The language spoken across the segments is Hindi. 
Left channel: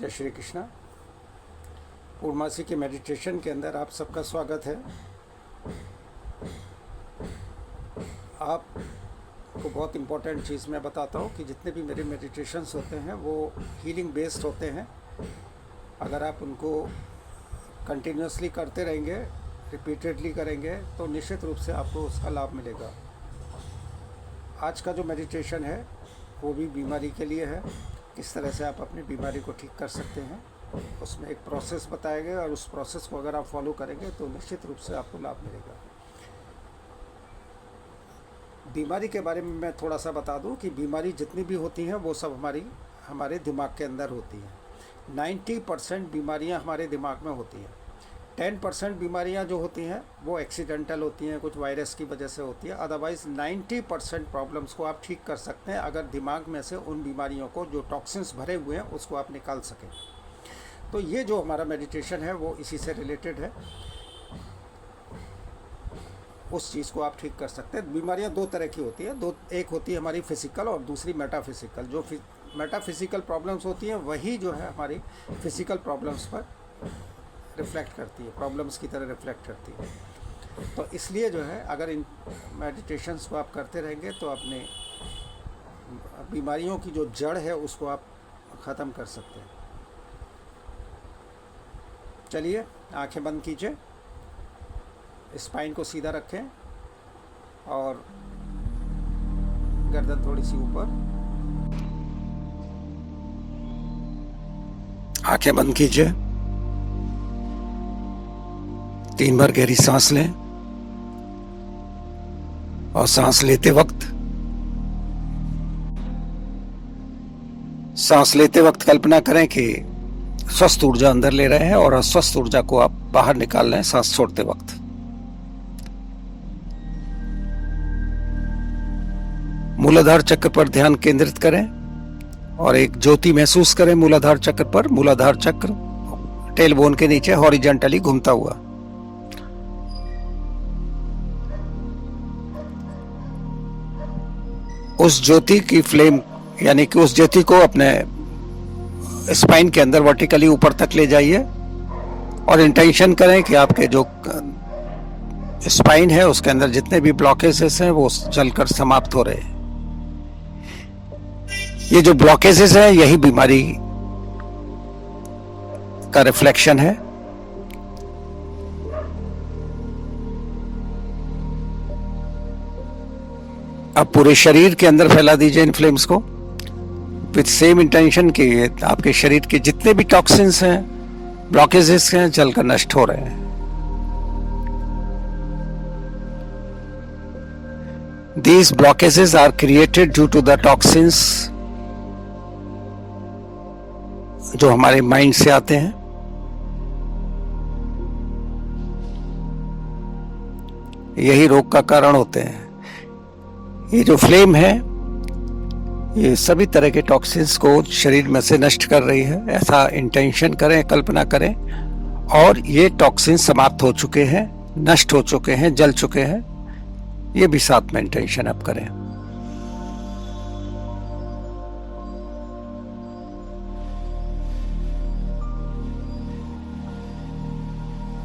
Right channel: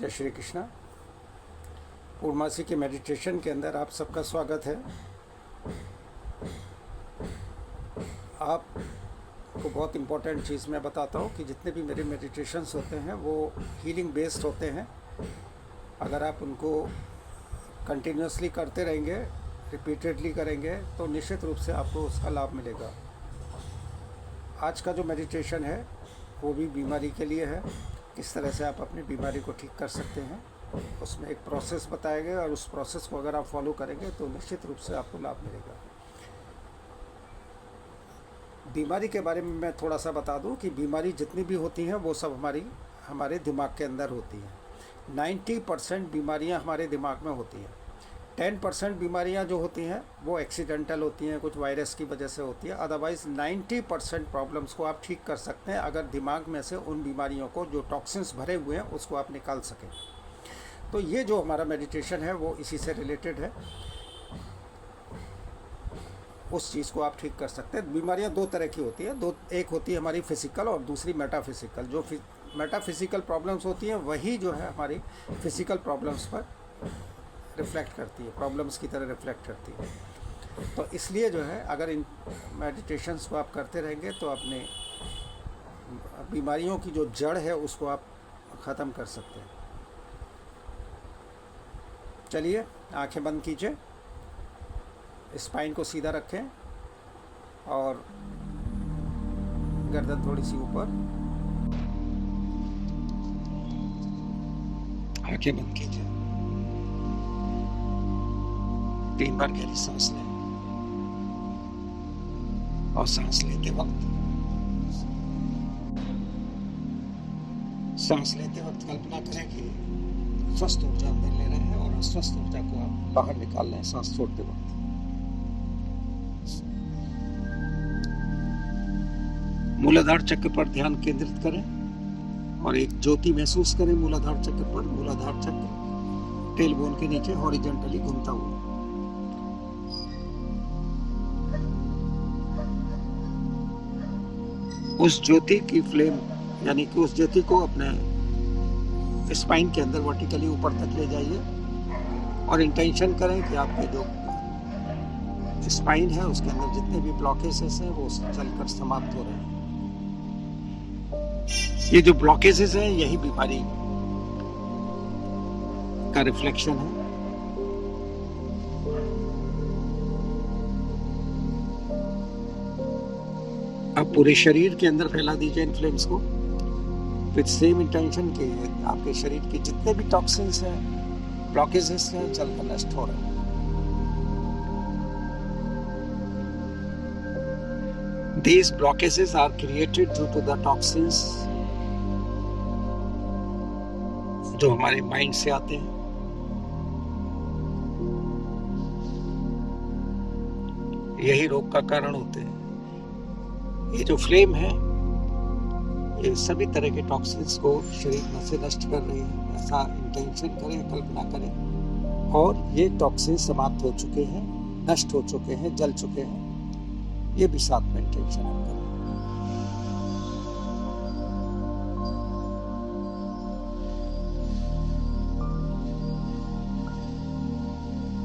जय श्री कृष्णा। पूर्णमासी के मेडिटेशन के अंदर आप सबका स्वागत है। आपको बहुत इम्पोर्टेंट चीज़ मैं बताता हूँ कि जितने भी मेरे मेडिटेशंस होते हैं वो हीलिंग बेस्ड होते हैं। अगर आप उनको कंटिन्यूसली करते रहेंगे, रिपीटेडली करेंगे तो निश्चित रूप से आपको उसका लाभ मिलेगा। आज का जो मेडिटेशन है वो भी बीमारी के लिए है। किस तरह से आप अपनी बीमारी को ठीक कर सकते हैं, उसमें एक प्रोसेस बताया गया और उस प्रोसेस को अगर आप फॉलो करेंगे तो निश्चित रूप से आपको लाभ मिलेगा। बीमारी के बारे में मैं थोड़ा सा बता दूं कि बीमारी जितनी भी होती हैं वो सब हमारे दिमाग के अंदर होती हैं। 90% बीमारियां हमारे दिमाग में होती हैं। 10% बीमारियां जो होती हैं वो एक्सीडेंटल होती हैं, कुछ वायरस की वजह से होती है। अदरवाइज़ 90% प्रॉब्लम्स को आप ठीक कर सकते हैं अगर दिमाग में से उन बीमारियों को, जो टॉक्सिन्स भरे हुए हैं, उसको आप निकाल सकें। तो ये जो हमारा मेडिटेशन है वो इसी से रिलेटेड है। उस चीज़ को आप ठीक कर सकते हैं। बीमारियां दो तरह की होती हैं, एक होती है हमारी फिज़िकल और दूसरी मेटाफिज़िकल। जो मेटाफिज़िकल प्रॉब्लम्स होती हैं वही जो है हमारी फिज़िकल प्रॉब्लम्स पर रिफ्लेक्ट करती है, प्रॉब्लम्स की तरह रिफ्लेक्ट करती है। तो इसलिए जो है अगर इन मेडिटेशंस को आप करते रहेंगे तो अपने बीमारियों की जो जड़ है उसको आप ख़त्म कर सकते हैं। चलिए आंखें बंद कीजिए, स्पाइन को सीधा रखें और गर्दन थोड़ी सी ऊपर। आंखें बंद कीजिए, 3 बार गहरी सांस लें और सांस लेते वक्त कल्पना करें कि स्वस्थ ऊर्जा अंदर ले रहे हैं और अस्वस्थ ऊर्जा को आप बाहर निकाल रहे हैं सांस छोड़ते वक्त। मूलाधार चक्र पर ध्यान केंद्रित करें और एक ज्योति महसूस करें मूलाधार चक्र पर। मूलाधार चक्र टेलबोन के नीचे हॉरिजॉन्टली घूमता हुआ। उस ज्योति की फ्लेम यानी कि उस ज्योति को अपने स्पाइन के अंदर वर्टिकली ऊपर तक ले जाइए और इंटेंशन करें कि आपके जो स्पाइन है उसके अंदर जितने भी ब्लॉकेजेस हैं वो चलकर समाप्त हो रहे हैं। ये जो ब्लॉकेजेस हैं यही बीमारी का रिफ्लेक्शन है। अब पूरे शरीर के अंदर फैला दीजिए इन फ्लेम्स को विद सेम इंटेंशन कि आपके शरीर के जितने भी टॉक्सिन्स हैं, ब्लॉकेजेस हैं, जलकर नष्ट हो रहे हैं। These blockages are created due to the toxins जो हमारे माइंड से आते हैं। यही रोग का कारण होते हैं। ये जो फ्लेम है ये सभी तरह के टॉक्सिन्स को शरीर में से नष्ट कर रही है। ऐसा इंटेंशन करें, कल्पना करें और ये टॉक्सिन्स समाप्त हो चुके हैं, नष्ट हो चुके हैं, जल चुके हैं। ये भी साथ में इंटेंशन अब करें।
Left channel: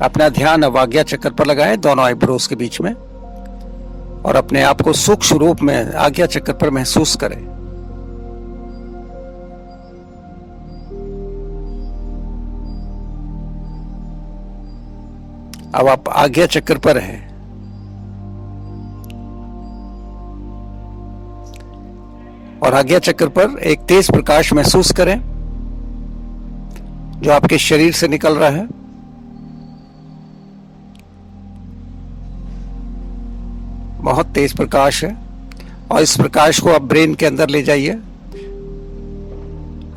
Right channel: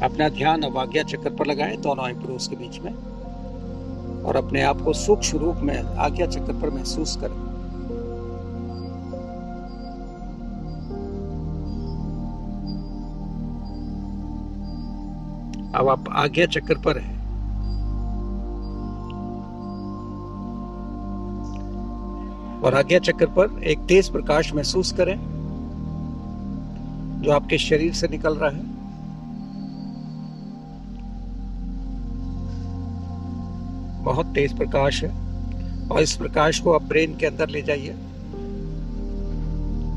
अपना ध्यान अब आज्ञा चक्र पर लगाएं, दोनों आईब्रोज के बीच में, और अपने आप को सूक्ष्म रूप में आज्ञा चक्र पर महसूस करें। अब आप आज्ञा चक्र पर हैं और आज्ञा चक्र पर एक तेज प्रकाश महसूस करें जो आपके शरीर से निकल रहा है। बहुत तेज प्रकाश है और इस प्रकाश को आप ब्रेन के अंदर ले जाइए।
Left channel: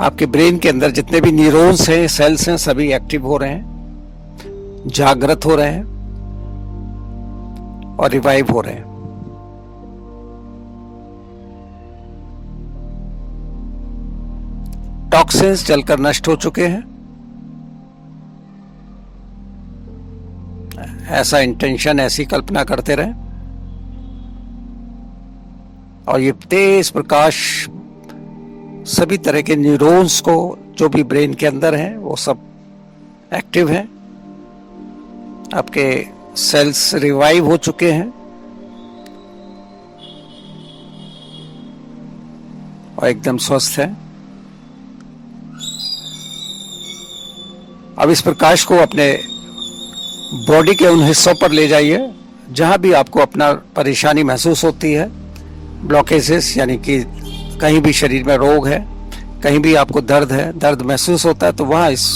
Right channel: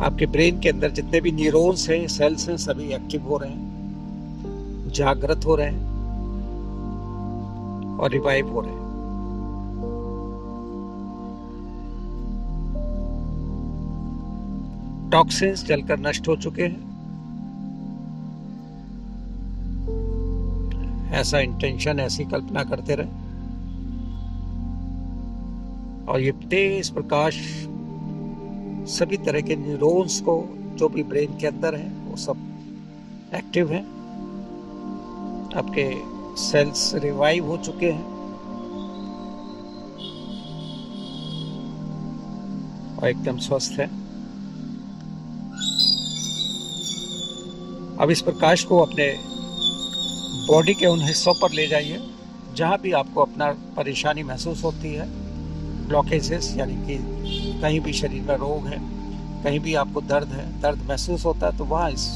आपके ब्रेन के अंदर जितने भी न्यूरॉन्स हैं, सेल्स हैं, सभी एक्टिव हो रहे हैं, जागृत हो रहे हैं और रिवाइव हो रहे हैं। टॉक्सिन्स जलकर नष्ट हो चुके हैं। ऐसा इंटेंशन, ऐसी कल्पना करते रहें और ये तेज प्रकाश सभी तरह के न्यूरॉन्स को जो भी ब्रेन के अंदर हैं वो सब एक्टिव हैं। आपके सेल्स रिवाइव हो चुके हैं और एकदम स्वस्थ हैं। अब इस प्रकाश को अपने बॉडी के उन हिस्सों पर ले जाइए जहां भी आपको अपना परेशानी महसूस होती है, ब्लॉकेजेस, यानी कि कहीं भी शरीर में रोग है, कहीं भी आपको दर्द है, दर्द महसूस होता है, तो वहां इस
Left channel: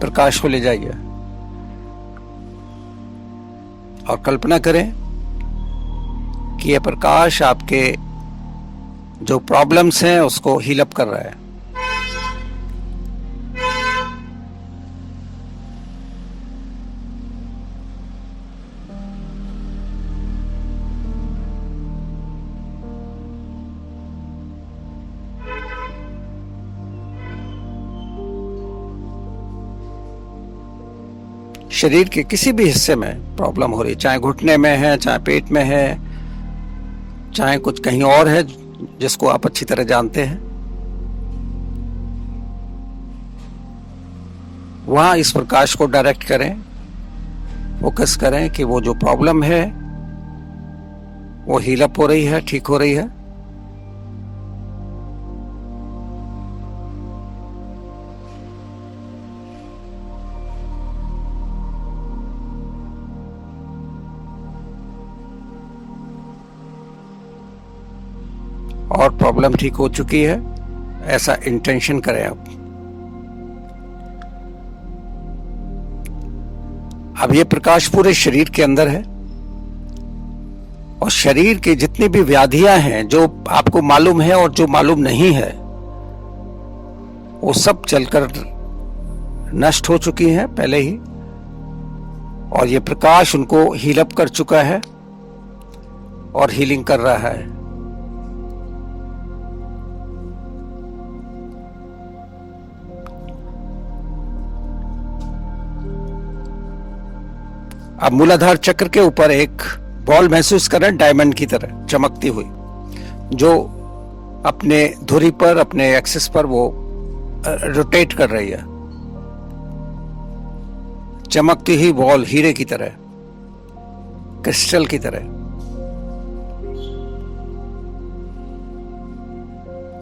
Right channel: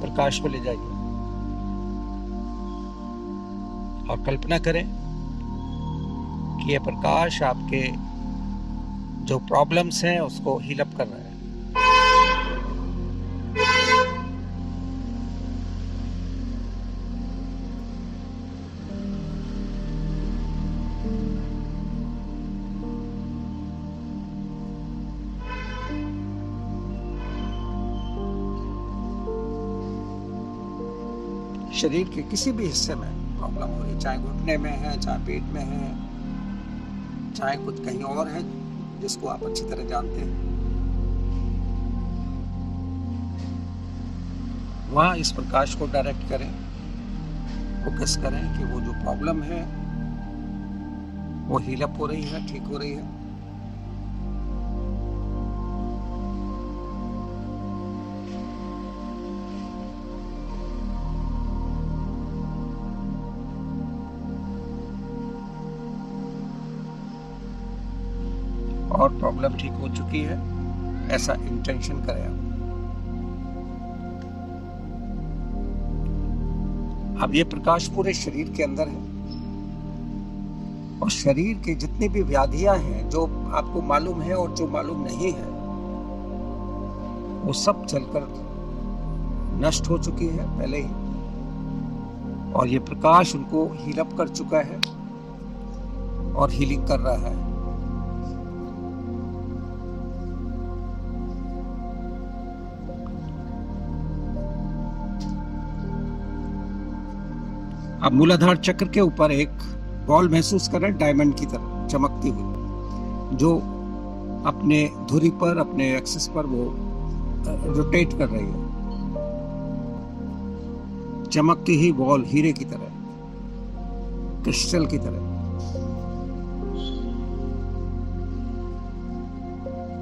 प्रकाश को ले जाइए और कल्पना करें कि यह प्रकाश आपके जो प्रॉब्लम्स हैं उसको हील अप कर रहा है। शरीर के किसी भी हिस्से में प्रॉब्लम हो रही है, चाहे घुटने में है, चाहे पेट में है, चाहे कुछ कहीं और है जिसको आप अच्छी तरह जानते हैं, वहां इस प्रकाश को डायरेक्ट करें, फोकस करें कि वो जो प्रॉब्लम है वो हील अप हो रही है, ठीक हो रही है। और प्रॉब्लम ठीक हो चुकी है, ऐसा इंटेंशन करें आप। अब ये प्रकाश पूरे शरीर के अंदर है और शरीर की जितनी भी व्याधियां हैं जो आपको मालूम है और जो मालूम नहीं है, वो सब चलकर नष्ट हो चुकी हैं पहले ही, और ये प्रकाश उनको हील अप कर चुका है और हीलिंग कर रहा है। अब मूलाधार चक्र के ऊपर एक बॉल महसूस करें, डायमंड की तरह चमकती हुई, जो अपने धुरी पर, अपने एक्सिस पर वो रोटेट कर रही है। चमकती हुई बॉल हीरे की तरह, क्रिस्टल की तरह,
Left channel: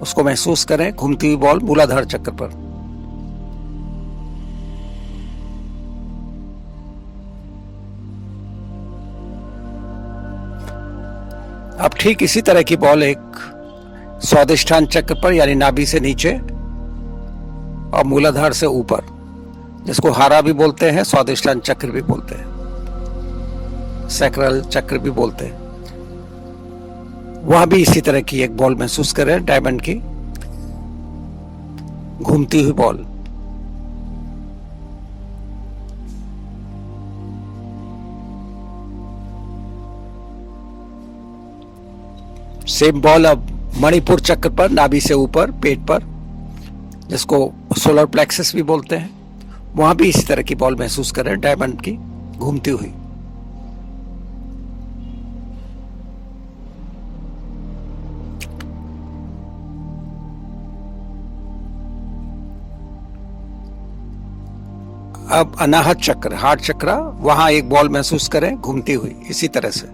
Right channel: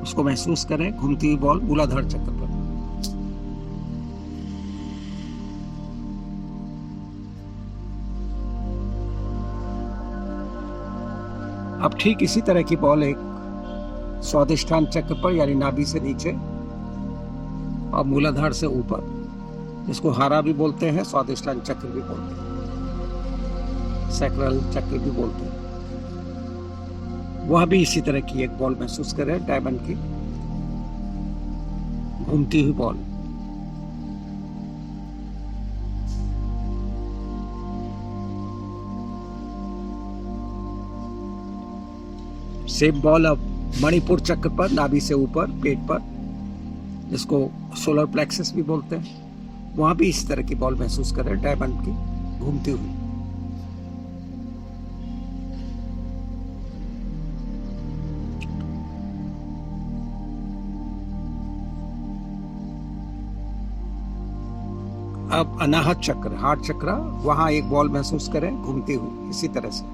उसको महसूस करें, घूमती हुई बॉल मूलाधार चक्र पर। अब ठीक इसी तरह की बॉल एक स्वादिष्ठान चक्र पर, यानी नाभि से नीचे और मूलाधार से ऊपर, जिसको हारा भी बोलते हैं, स्वादिष्ठान चक्र भी बोलते हैं, सैक्रल चक्र भी बोलते हैं, वहां भी इसी तरह की एक बॉल महसूस करें, डायमंड की घूमती हुई बॉल। सेम बॉल अब मणिपुर चक्र पर, नाभि से ऊपर, पेट पर, जिसको सोलर प्लेक्सस भी बोलते हैं, वहां भी इसी तरह की बॉल महसूस करें, डायमंड की घूमती हुई। अब अनाहत चक्र, हार्ट चक्र, वहां एक बॉल महसूस करें घूमती हुई, इसी तरह से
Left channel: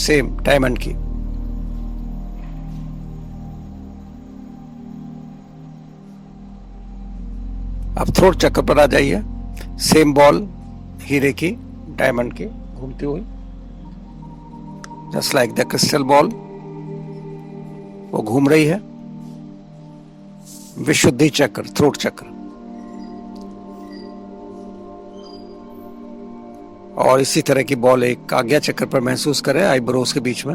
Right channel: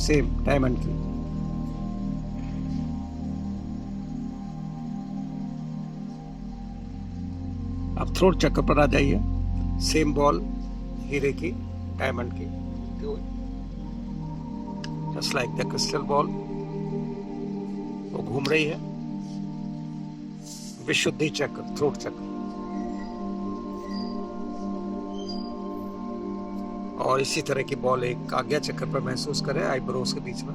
सेम डायमंड की। अब थ्रोट चक्र पर आ जाइए, सेम बॉल हीरे की, डायमंड की घूमती हुई, just like the crystal ball, वो घूम रही है। विशुद्धि चक्र, थ्रोट चक्र, और इसी तरह की बॉल एक आज्ञा चक्र पर महसूस करें, आईब्रोज के बीच में।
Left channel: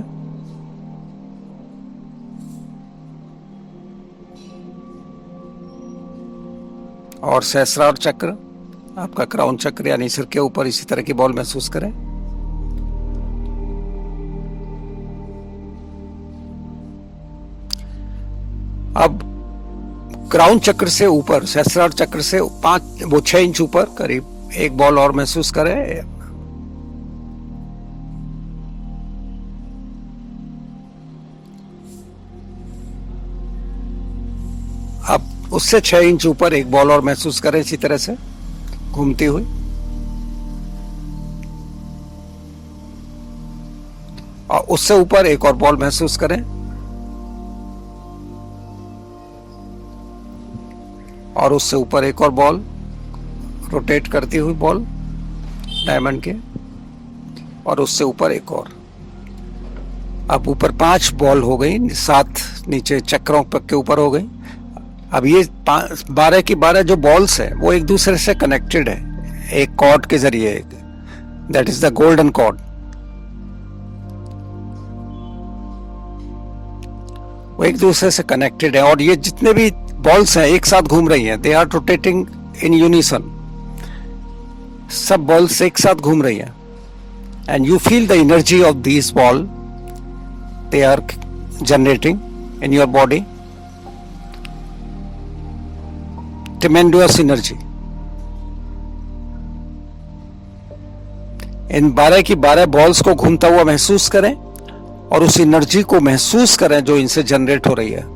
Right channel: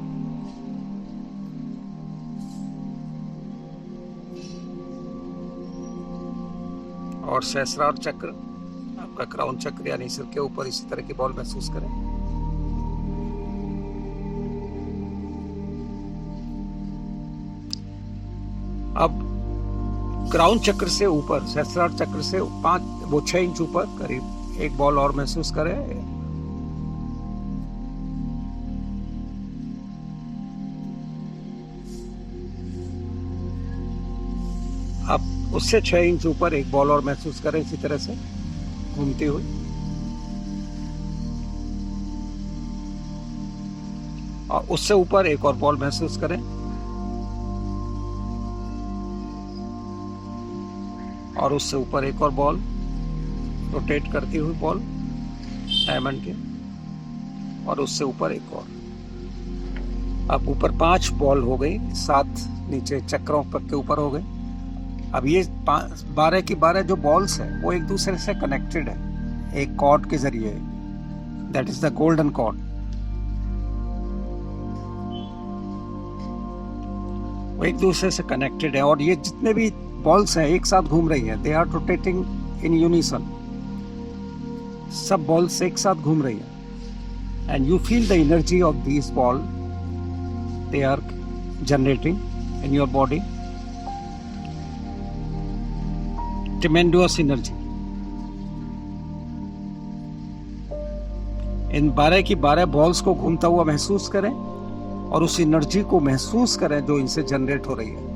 और सहस्रार चक्र, आपका क्राउन चक्र यानी सिर के ऊपर, इसी तरह की बॉल महसूस करें। अब क्राउन चक्र से ऊपर, सहस्रार चक्र से 6 इंच ऊपर करीब एक बॉल और महसूस करें। उससे 6 इंच ऊपर एक बॉल और महसूस करें इसी तरह से घूमती हुई। और उससे ऊपर एक और बॉल महसूस करें, और उससे ऊपर एक और बॉल रोटेट करती हुई बॉल डायमंड के, और उससे ऊपर एक और। अब ऊपर 5 बॉल हो गई, 7 नीचे चक्रों के ऊपर हो गई। अब ये 12 की 12 जो बॉल्स है वो एक दूसरे से कनेक्टेड है एक कॉर्ड के जरिए, that is the golden cord. वो एक दूसरे से कनेक्टेड है, और ये जितने भी बॉल्स हैं एक साथ घूम रही हैं, they are rotating in unison. सब बॉल्स एक साथ घूम रही हैं, and you feel the energy of this ball they are generating in your body, tremendous energy. इन 12 की 12 बॉल्स को घूमता हुआ महसूस करें, और उस एनर्जी को महसूस करें जो इनसे जनरेट हो रही है।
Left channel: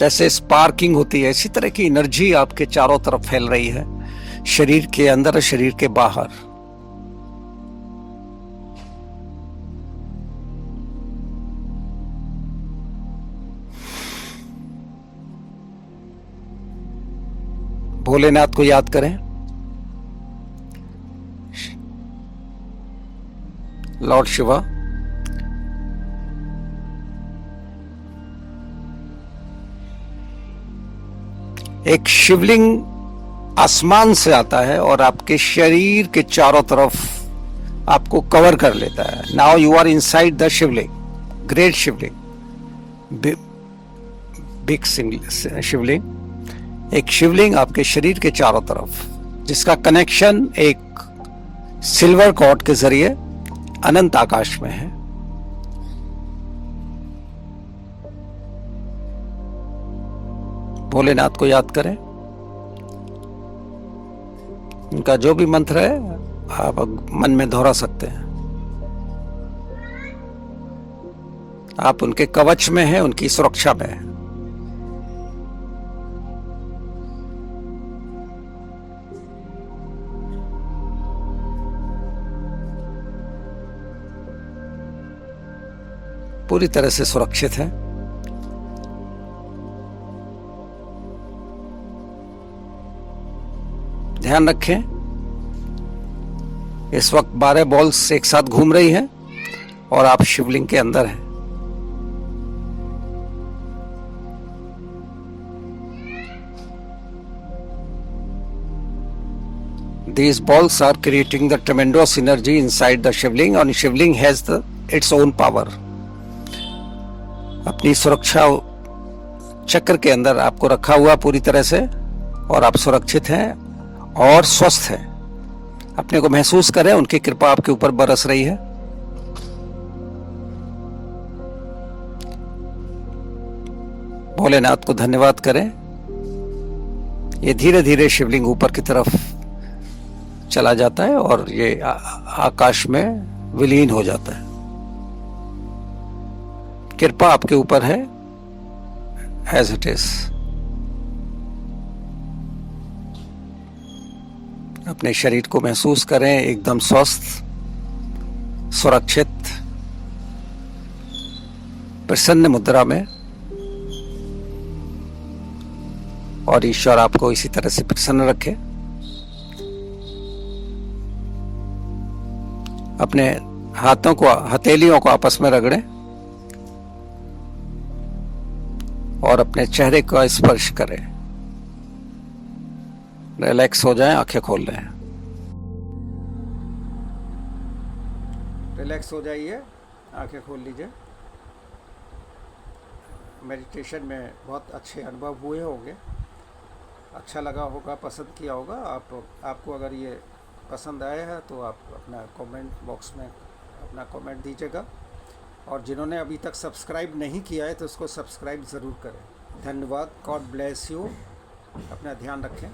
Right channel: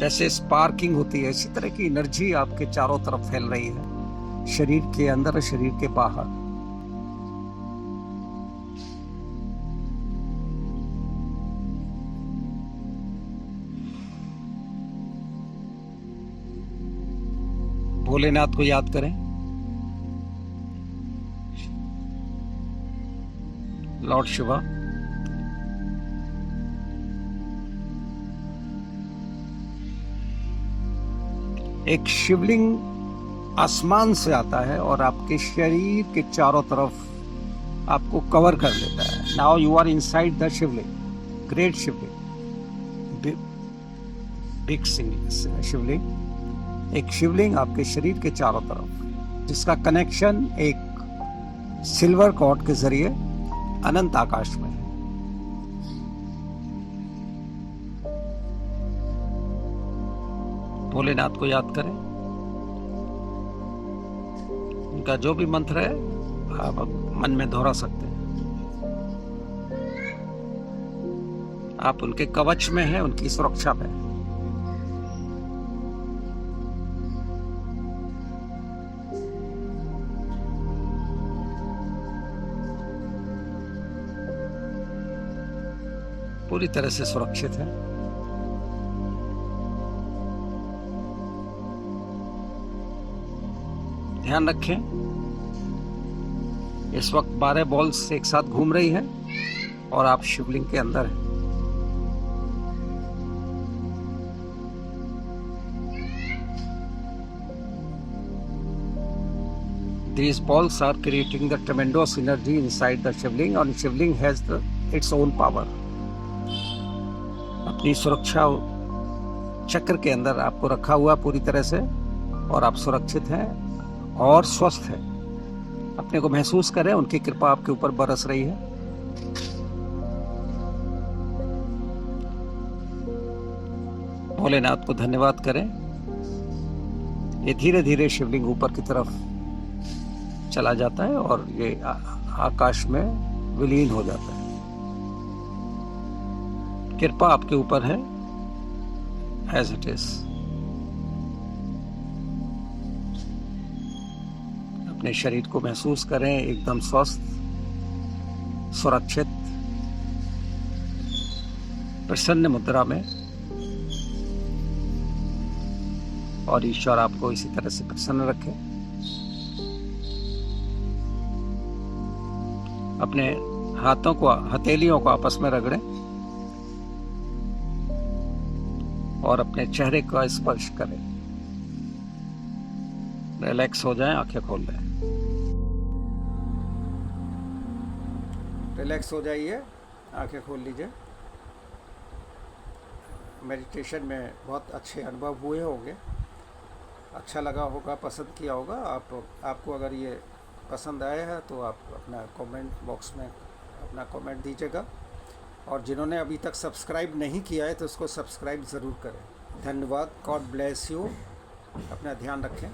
जैसे स्पार्किंग होती है, इसी तरह की एनर्जी आपके चारों तरफ फैल रही है, शरीर के अंदर और शरीर के बाहर। भोलेनाथ को याद करें, लॉर्ड शिवा। एक शिवलिंग आसमान से आता है और आपके शरीर के चारों तरफ आपको कवर कर लेता है। Now you are inside the Shivling, great Shivling, big Shivling. एक शिवलिंग आपके शरीर के चारों तरफ, जिसका कनेक्शन एक सिल्वर कॉर्ड के जरिए अनंत आकाश में है। भोलेनाथ को याद करें, उनका जो भी मंत्र है आप मन में दोहरा सकते हैं। आप उनके कवच में हैं, उनकी सुरक्षा में हैं। पूरी तरह से सुरक्षित हैं। ध्यान रखें, इस वक्त 12 बॉल्स एक साथ घूम रही हैं और आप शिवलिंग के अंदर हैं। These balls are creating the tremendous energy inside the shivling, and shivling has its own power. अपनी सुरक्षा चक्र के अंदर आपको रखा हुआ पूरी तरह से, और आप सुरक्षित हैं और स्वस्थ हैं। अपने को महसूस करें, उनकी कृपा आपके ऊपर बरस रही है। भोलेनाथ को धन्यवाद करें। ये धीरे धीरे शिवलिंग ऊपर की तरफ चला जाता है और ये आकाश में विलीन हो जाता है। कृपा आपके ऊपर है, एज इट इज। अपने शरीर को महसूस करें एकदम स्वस्थ, सुरक्षित, प्रसन्न मुद्रा में, और ईश्वर आपको इसी तरह से प्रसन्न रखे। अपने हाथों को, हथेलियों को आपस में रगड़ें और अपने चेहरे का स्पर्श करें। रिलैक्स हो जाएं, आंखें खोल लें। रिलैक्स हो जाइए, आंखें खोल लीजिए। मेडिटेशन में बहुत अच्छे अनुभव हुए होंगे, अच्छा लगा होगा, पसंद किया होगा। आपको अगर ये पसंद आया है तो आप अपना कमेंट बॉक्स में अपना कमेंट दीजिएगा। और जिन्होंने अभी तक सब्सक्राइब नहीं किया है तो उसको सब्सक्राइब ज़रूर करें। धन्यवाद। God bless you. अपना ध्यान रखें।